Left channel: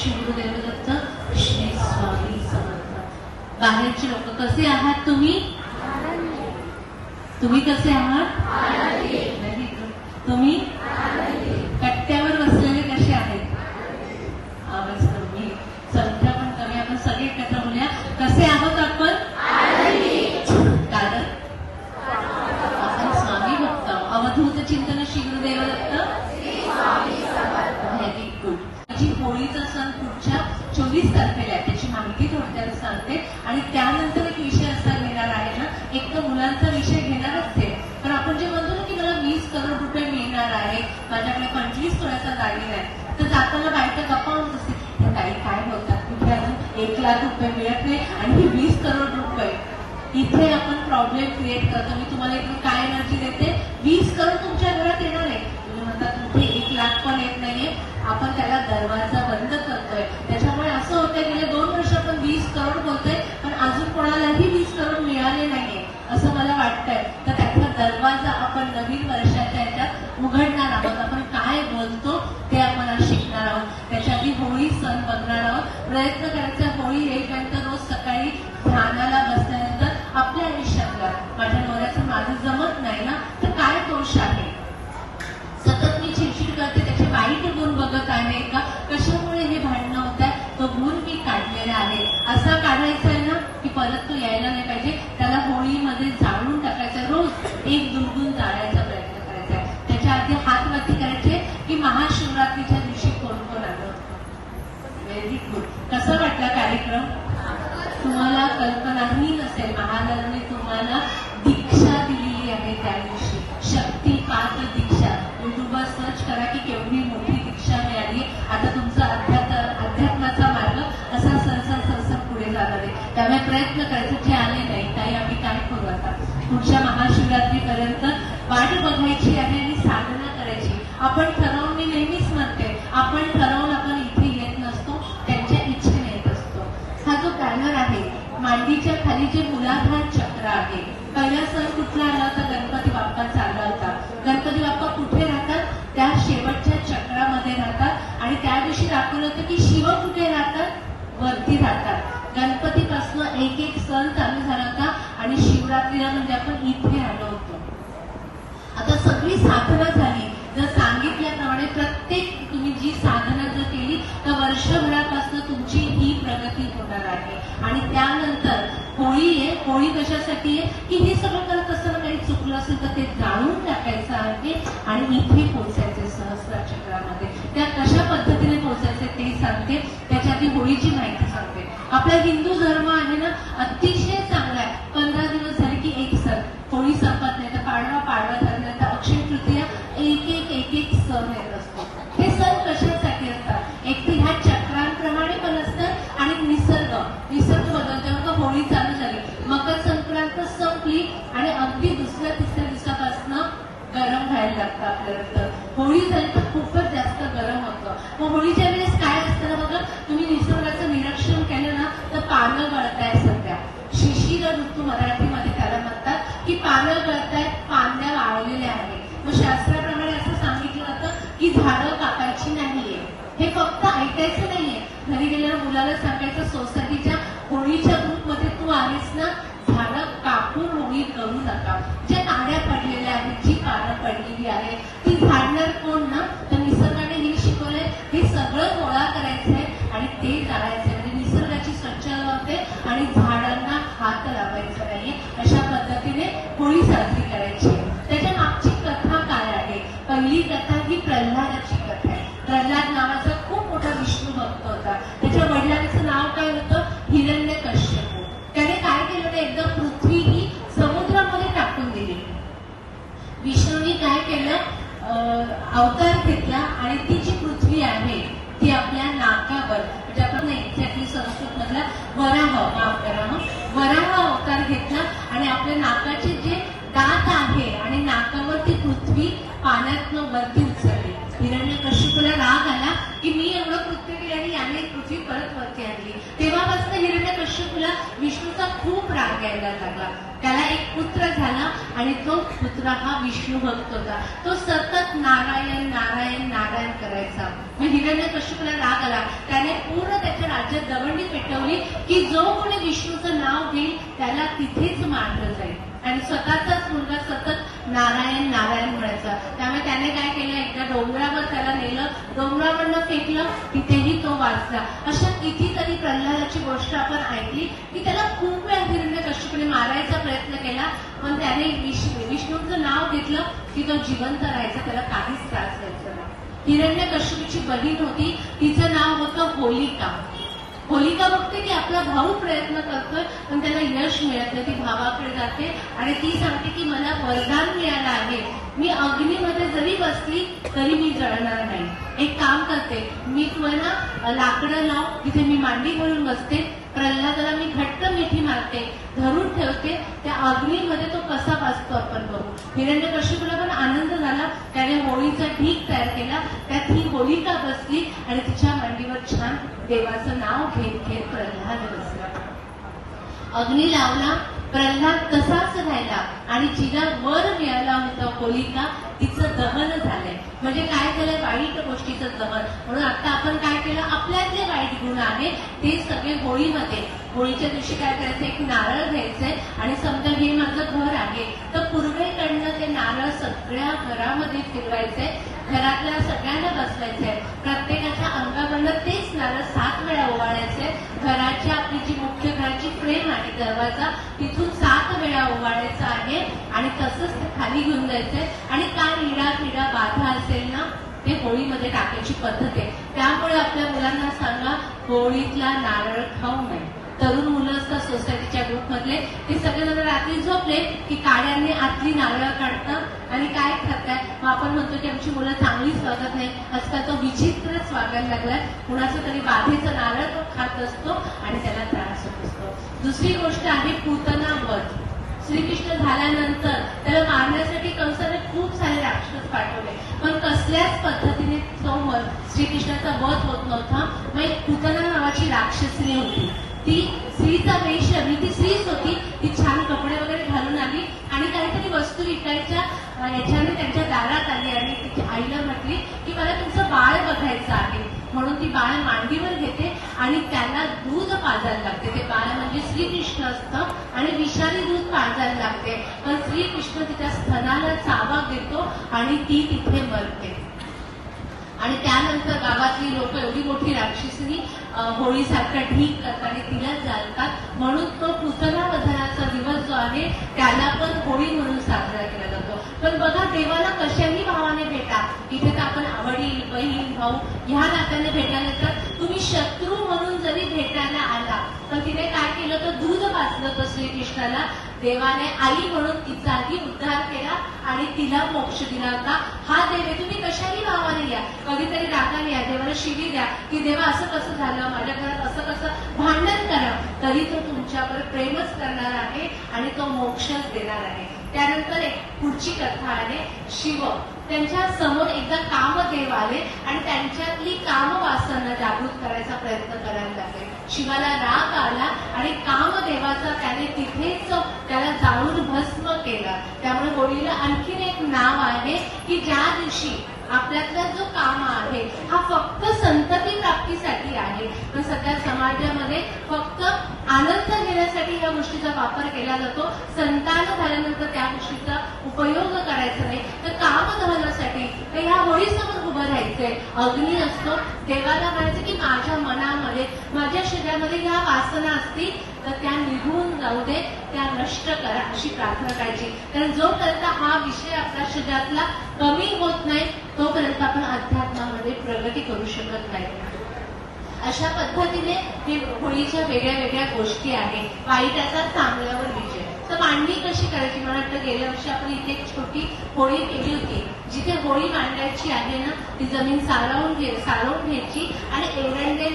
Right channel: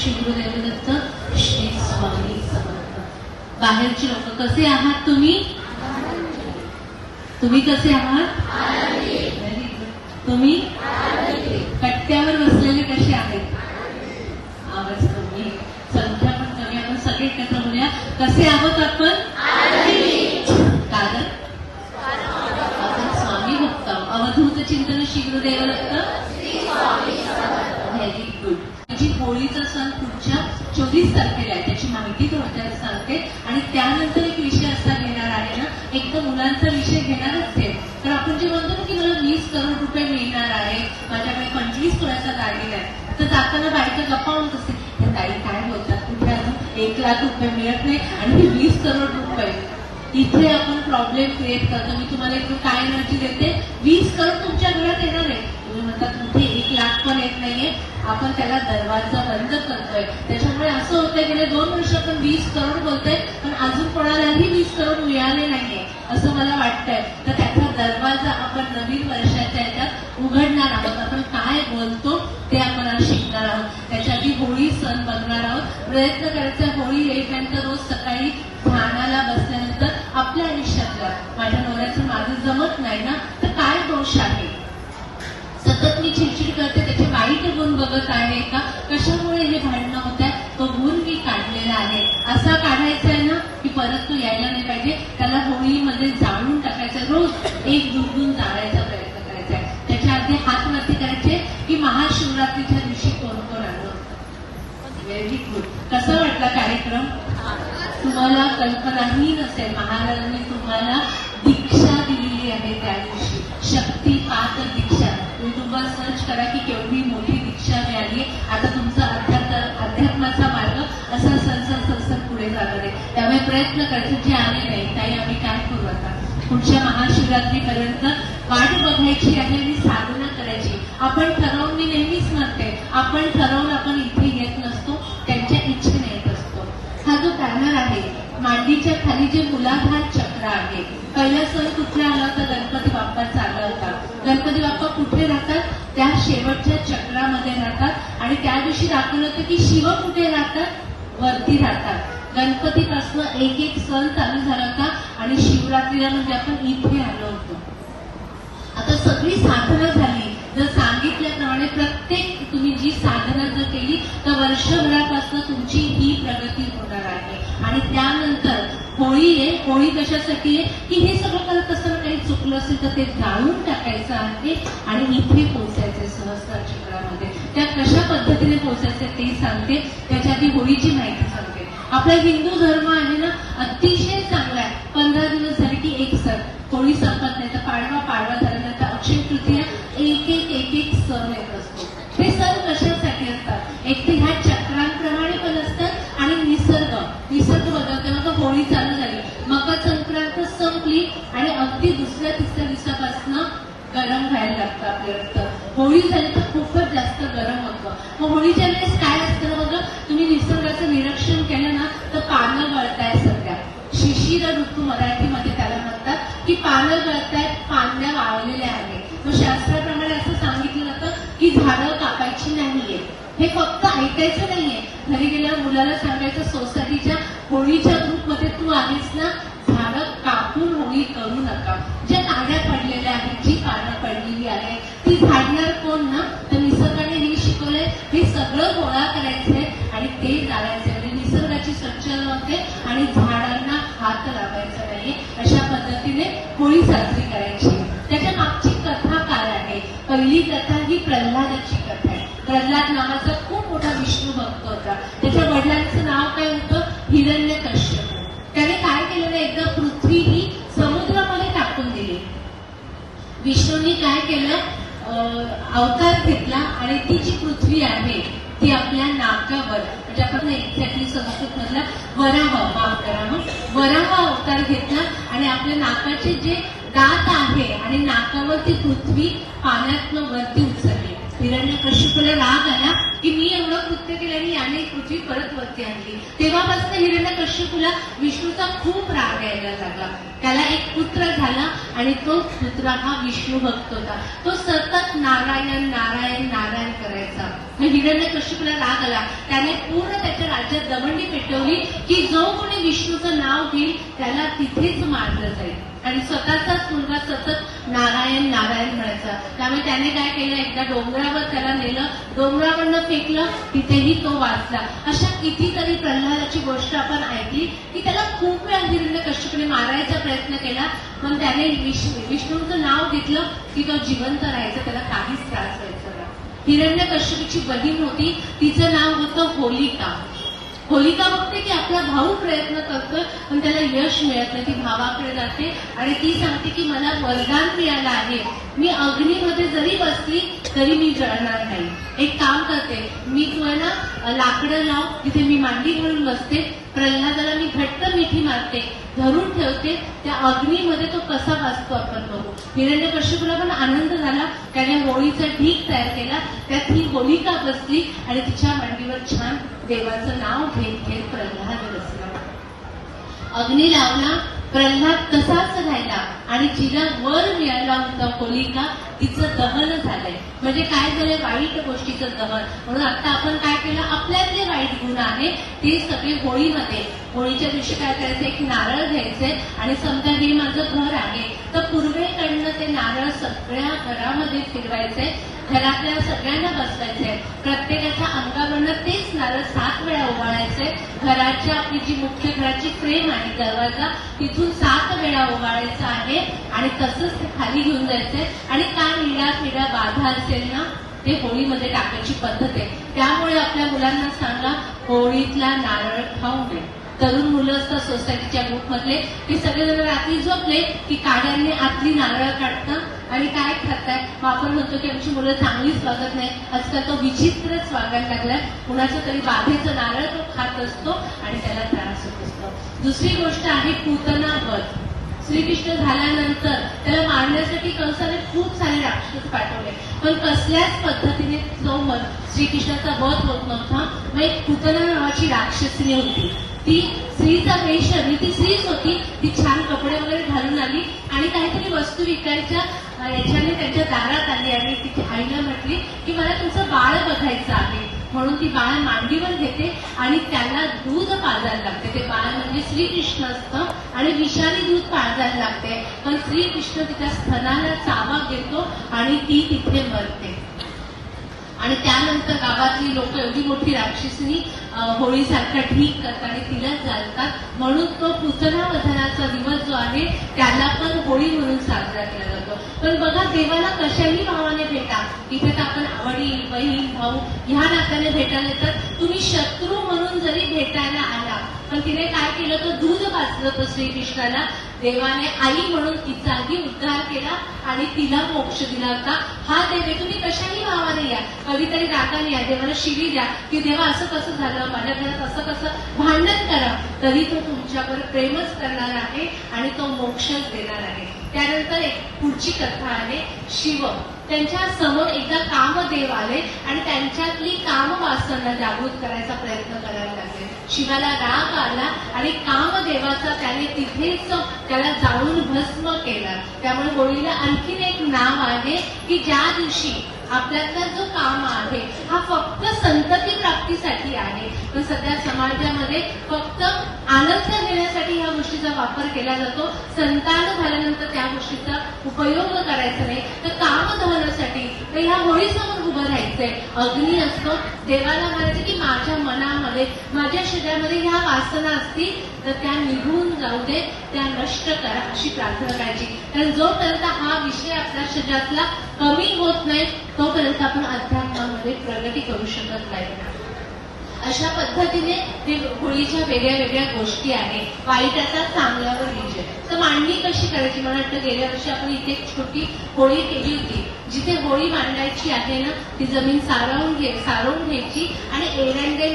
श्री गुरुदेव दत्त श्री स्वामी समर्थ. बाहेरचे लोक कसे आहात तुम्ही? तुम्ही कसे आहात? तुम्ही? कट्ट्यावर बसलेले कसे आहेत? आवाज कमी. आहे. संख्या पण कमी. आपण सगळे एकत्र बोलूया. कसे आहोत आपण? कारण आपण स्वामी भक्त अवधूत चिंतन श्री गुरुदेव दत्त व्हेरी गुड होळीचा सण पुढच्या चोवीस तारखेला आहे. त्याची माहिती थोडक्यात सांगते. आणि त्यानंतर एक विषय असा घेणार आहे ना एक तर मुलांचा विषय घेणारच आहे. पण आपण जे म्हणतो ना की मला वीस करोड रुपये मिळणार आहे माझ्याकडे पंचवीस कुणाचा गाडी आहे तर जाताना बायका गप्पा म्हणत असते "या ताई काय बोलतात? कुठे अजून एक लाख रुपये मिळत नाही आणि वीस करोड रुपये. इथे आपण प्रॉब्लेम क्रिएट करतो. मी तुम्हाला एक काय एनर्जी देते? वीस करोड तुमच्या घरात येणार आहे. तुम्ही म्हणतात कुठे एक लाख पण येत नाहीये. आपण त्याला दरवाजा बंद करतोय. त्याच्यामुळे असं होतंय गेले दोन वर्ष आपण वीस करोड बोलतोय पण अजून कोणालाही वीस करोड मिळाले नाहीये असं मला वाटतंय. तर त्याचा दरवाजा आपण नवीन वर्षाच्या याच्यात उघडणार आहोत. आपण काय बोलतो ते आपण शिकणार आहोत. त्याच्या आधी होळी सण बघणार आहोत. प्रयत्न करायचा होळी येईपर्यंत रोज सकाळी ध्यानाला बसल्यानंतर आपल्या आयुष्यातला माझ्या आहे का? कशामुळे हे भांडणं होत आहे तो गुण मी काढलेला आहे. असा काढायचा आहे ना की परत तो यायला नाही पाहिजे. त्याला होळीमध्ये जाळून टाकायचा रोज. एक दुर्गुण जाळायचा प्रयत्न करायचा आहे. त्याच्या आधी हात वरती करायचे की महाशिवरात्रीच्या दिवशी कोण कोण आलं? व्हेरी गुड कसा वाटला कार्यक्रम? तुम्हाला कल्पनाही नसेल. महाराजांनी तुम्हाला दीक्षा दिलेली आहे त्या दिवशी. पाच दीक्षा. युट्यूबवर सर्च करा की केवढी मोठी पुढे जाणार आहे त्यामुळे प्रयत्न करायचे जे आले नाही ताई आम्ही काय करू आता? पुढच्या महाशिवरात्रीपर्यंत वाट बघायची आहे आणि साधना करायची. आपण ठरवून मी नेहमीच म्हणते आपण ठरवून आपण इथे येत नसतो त्यांच्या इच्छेने येत असतो. हा जो बॅनर आहे मांडीच्या खाली जे मुलाधार चक्र आहे पहिला सण कुठला आला होता? गणपती बाप्पा चालला होता. गणपती बाप्पा कुठे राहतात? त्या शेवटच्या चक्रामध्ये राहतात. आणि त्या दिवशी दाखवलं होतं की शिव कुठे राहतात? वरती राहतात. गणपतीपासून एक एक सण चालू झाला होता आणि शिवरात्रीला म्हणजे आपण इथे आलो होतो. आता सगळी साधना झाली. जर सांगितल्याप्रमाणे प्रत्येक तुम्ही जी साधना जर केली तर वर्षभरापासून तुमची ही प्रगती होणार आहे आणि त्यानंतर होळी आहे. होळी कशासाठी आहे? की हे सगळं करत असताना काही चुकलं असेल तर ते जाळून टाकायचं आहे आणि इथे पोहोचायचे सहस्त्र चक्रामध्ये. त्या कशा पद्धतीने पोहोचायचे ते सांगते. त्याच्या आधी होळीची माहिती आपला हिंदू धर्म आहे ना अतिशय चांगला आहे. पंधरा दिवस झाले की एक सण. होळी संपत नाही तर पाडवा पाडवा तर अक्षय तृतीया एक एक एक एक सण येत असतो. हे सण कशासाठी असतात? एक तर ह्या चक्रांप्रमाणे पण असतात आणि निसर्ग. निसर्ग बदलतो मग होळी चालू झाली. मकर संक्रांत संपली आणि अगदी दुसऱ्या तिसऱ्या दिवसापासून गरम व्हायला लागतं आपलं होळी झाली तर खूपच जास्त गरम होतं. मग होळीच्या सांगायचं नाहीये. घरी गेल्यावर मुलाला सांगायचं सोसायटीच्या होळीच्या ग्रुपमध्ये तू आलीस ना झाडं कापून होळी करू नका. ज्या काड्या पडलेल्या आहेत जी पानं पडलेली आहेत आपल्या नाकाचे जे दात आहे आणि नाकावर ती पृथ्वी पाण्यात वरती उचलली. हिरण्य कशी राग आला की मी एवढं कृत्य केलं आणि याने पृथ्वी परत वरती आणली. तेव्हापासून हिरण्य कश्यपूला विष्णूचा खूप राग यायला लागला. त्याला एक पुत्र झाला आणि तो पुत्र हा विष्णू भक्त होता. तो सतत नारायण नारायण नारायण करायचा. हिरण्य कश्यपूला राग आला. त्याने पूर्ण त्याच्या राज्यात दवंडी पेटवली की जो कोणी विष्णूचं नाव घेईल त्याला तिथेच मारलं जाईल. आणि स्वतःचाच मुलगा सतत नारायण नारायण म्हणायचा. त्यामुळे त्याने काय केलं? एकदा डोंगरावर त्याला नेलं. डोंगरावरनं फेकलं. तिथेही तो वाचला. अशा कितीतरी प्रल्हादाची गोष्ट आपण ऐकली की त्याला खूप वेळा हिरण्य कश्यपने मारायचा प्रयत्न केला. पण त्याने विष्णूंचं नाव घेतलं की तो जिवंत राहायचा. त्याला काहीच त्रास व्हायचा नाही. हिरण्य कश्यपीची बहीण होती. तिचं नाव होतं होलिका. होलिका बघते की आपला भाऊ प्रयत्न करतोय पण त्याला यश मिळत नाही ती भावाकडे जाते आणि ती सांगते की मला वरदान मिळालं आहे. मी अग्नीमध्ये जरी बसली तरी मी जळणार नाही. एक काम करते मी तुला ना लाकडं लाव तिथे मी मांडी घालून बसते प्रल्हादाला मी घट्ट मिठी मारते धरून ठेवते त्या अग्नीमध्ये तो कसा भासतो आपण बघू. हिरण्य कश्यपला पण आनंद झाला त्याने होळीचा ढीक तयार केला त्यात ही होलिका बसली आणि तिच्या मांडीवर छान देवाचं नाव घेत घेत प्रल्हाद बसला. अग्नी लावला प्रल्हाद तसाच राहिला आणि जिला वर मिळाला होता होलिका तिचं दहन झालंय. म्हणजे काय झालंय? वाईट गोष्टीचं दहन. म्हणून आता आपण काय केलं? आपल्यातले काही गुण आहे ते सगळे होळीमध्ये. होळीच्या दिवशी काय करायचं? एक नारळ घ्यायचंय आणि समजा हे माझं घर आहे तर पूर्वेकडनं ते नारळ सगळ्या घरामध्ये फिरवायचंय घरातल्या सगळ्यांना बसवायचंय प्रत्येकाच्या अंगावरनं तेच नारळ सात वेळा ओवाळायचंय घराच्या आपली जी मुख्य घराची फ्रेम आहे दरवाजा तिथून सात वेळा ओवाळायचं आहे आणि तसंच ते खाली घेऊन जायचंय आणि काय निडा पिडा बाधा असेल ना ते होळीमध्ये टाकायची पद्धत आहे. त्यामुळे आपल्या मुलांना सांगा होळीतला नारळ खाऊ नये. तरुण मुलं असतात सोसायटीच्या ग्रुपमधले ते सगळेजण रात्री झोपले की काड्यांनी आतली नारळ काढतात आणि काय खातात? मग आपण म्हणतो की आमची मुलं चांगलीच वागत नाही. आजकाल तो विचित्रच वागायला लागला कुणाचं तरी बाधेचं नारळ तो खात असतो आणि त्याला त्रास होत असतो. दुसरी गोष्ट आहे पूतना वध श्रीकृष्ण झाल्यानंतर त्याला मारण्यासाठी कंसाने खूप सारे राक्षस पाठवले. पण कसल्याच पद्धतीने समोर श्रीकृष्णाचा वध होत नव्हता. मग एक पुतना नावाची राक्षसनी होती. ती स्त्रीचा वेश आणि ती स्त्रीच होती. ती छान कपडे वगैरे घालून आली आणि काहीतरी वस्तू विकायच्या याच्याने त्यांच्या दारात आली आणि तिच्या आईला म्हटली की मला तुमचं बाळ बघायचं आहे. म्हणून ती बाळ मांडीवर घेते आणि त्याला दूध पाजायला लागते. ते श्री श्रीकृष्ण असतं आणि विषारी दूध पाजायला लागते. पण श्रीकृष्ण तिच्या स्तनाला चावा घेतो आणि ती तिथे मरते. आणि त्यानंतर गावातली लोक एवढी मोठी राक्षसनी अं, होळीसारखा ढीक करतात आणि तिला जाणतात. म्हणून तो पुतना वधनाचा दिवस जो आहे त्याला पण होळी म्हणून साजरा केला जातो. पण बघा देवाला कशाही भावाने भेटा. इथे तर आपण वडील बहीण भाऊ ह्या नात्याने भेटायला येतात. तुम्ही शत्रू म्हणून जरी भेटायला आला पण तिने काय केलं? तर दूध वाचलं होतं श्रीकृष्णाला देवाने आई म्हणून तिचाही उद्धार केला आणि तिला मोक्ष दिला होता. हा देव आहे तुम्ही कशाही भावाने या. कधीतरी रागाने या देवाला शिवी द्या. की देवा असं कसं झालं? माझ्या घरात असं कसं? भांडण करा. तरी तो तुमच्यावर प्रेमच करणार आहे आणि तो मोक्षच देणार आहे. त्यानंतर एक पुढची कथा आहे शिव. त्यांच्यासमोर एकदा कामदेव आले आणि त्यांच्यातली कामवासना जागृत करायचा प्रयत्न करायला लागले. शिवाला राग आला आणि कामदेवाचा त्याने तिथेच त्याला जाळून भस्म केला. त्यामुळे होळीला आणखीन एक नाव आहे की ज्या दिवशी आपल्यातला जो काम आहे हा फक्त संतती प्राप्तीसाठी आहे. पण सध्या समाजामध्ये फक्त आनंद घेण्यासाठी ह्या गोष्टीचा वापर केला जातो. संतान झाल्यानंतर त्या गोष्टीचा उपयोग करायचा नाही. तर काम दहनासाठी तर ह्या होळीसमोर उभं राहायचंय. अग्नी असतो देवाला म्हणायचं की माझ्या मनामध्ये माझ्या शरीरामध्ये ह्या वासना असतील तर त्या निघून जाऊ दे त्या नष्ट करा अशी प्रार्थना करायची. कारण जोपर्यंत हा विषय आपल्या शरीरातला कमी होत नाही तोपर्यंत आपण अध्यात्मामध्ये प्रगती करू शकत नाही. अशा पद्धतीने होळीच्या वेगळ्या वेगळ्या गोष्टी आहेत. वाईटाचा चांगल्यावर विजय. तर मांडणी कशी करायची? मला वाटतं गेल्या वर्षी आपण इथे एक छोटी होळी केली होती. जिथे होळी मांडायची आहे ना ती जमीन सारवून घे सारवून घ्यायची आणि एरंडेल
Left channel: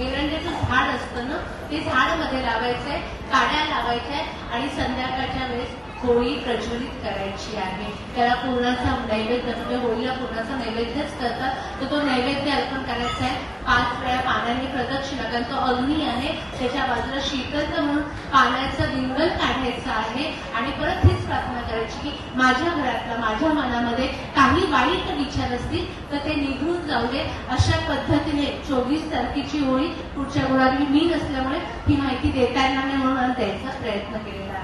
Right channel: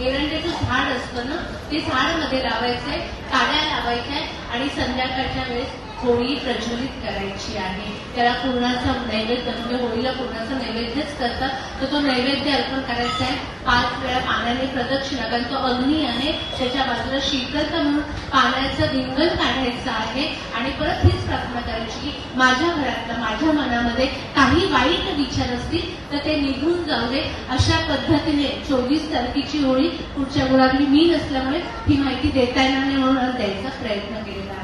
एरंड्याचं झाड असतं ना ते झाडमध्ये लावायचंय काड्या लावायच्या आणि संध्याकाळच्या वेळेस होळी प्रज्वलित करायची आहे. त्याला पूर्णाचा नैवेद्य म्हणजे होळीला पूर्णाचा नैवेद्यच करतात तर तो नैवेद्य अर्पण करायचा आहे. पाच वेळा पाण्याने प्रदक्षिणा कारण तो अग्नी आहे. त्याच्या बाजूला शीतलता म्हणून पाण्याचा रिंगण काढायचं आहे. आणि परत हीच प्रार्थना करायची की माझ्या घरातला माझ्या मनामध्ये काही वाईट विचार असतील तर ते निघून जाऊ दे. अशा पद्धतीने चोवीस तारखेची होळी पुढच्या गुरुवारी मी नसल्यामुळे ही माहिती देता येणार नाही म्हणून द्यायचा प्रयत्न केलेला आहे.